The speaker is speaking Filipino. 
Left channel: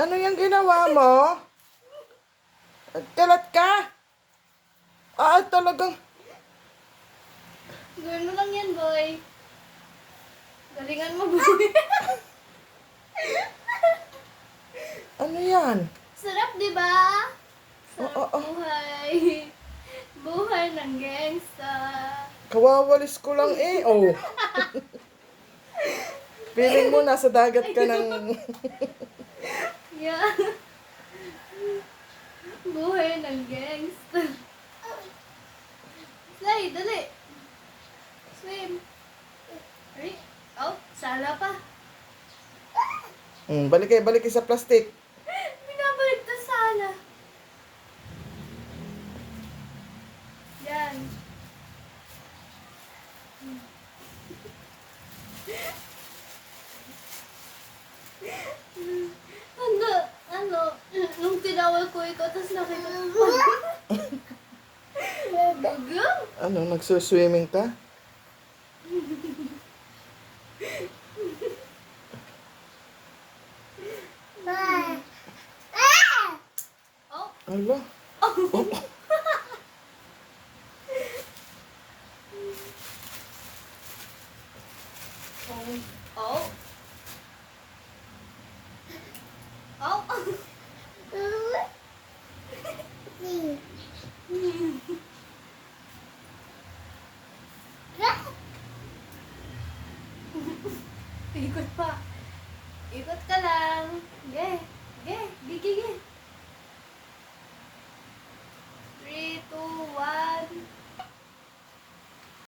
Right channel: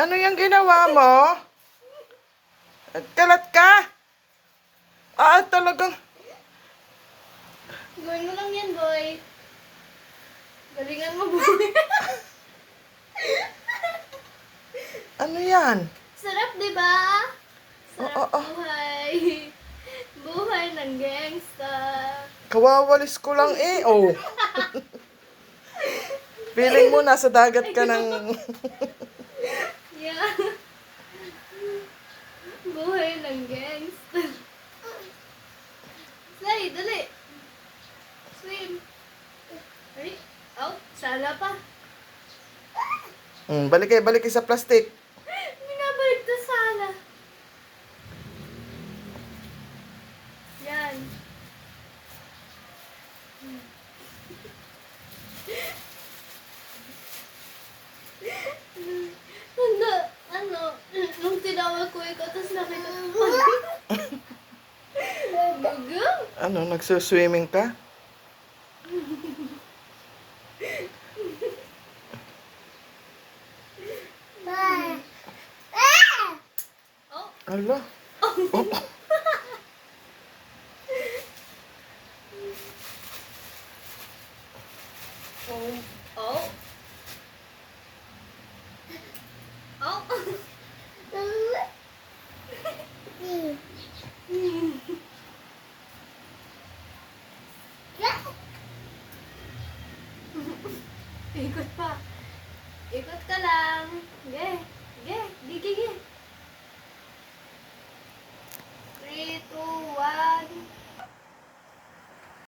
Ano yung ginawa mo? Kalat ka? Talagang... Gawin mo lang yan, boy. Galingan mo, boy. Ano yan? Sarap, di ba? Sarap Oo. buhay. Buhay ng gangsta. Kawawalis ko lang eh. Oh. Feeling mo nasa dagat ka ng... Yeah. Buhay ng gangsta. Slay, dali. Swim. Ay, oh, sala pa. balik kayo sa plastic. Binabalik to sala. Yan. Nung tinawag ko ikaw, tapos nakita ko. Gugung. Ano, nagsuswimming ka? Oh, Ala. Oh. oh. Oh. Ikot pa. Ikot ka lang. Ge. Ge. Gigi.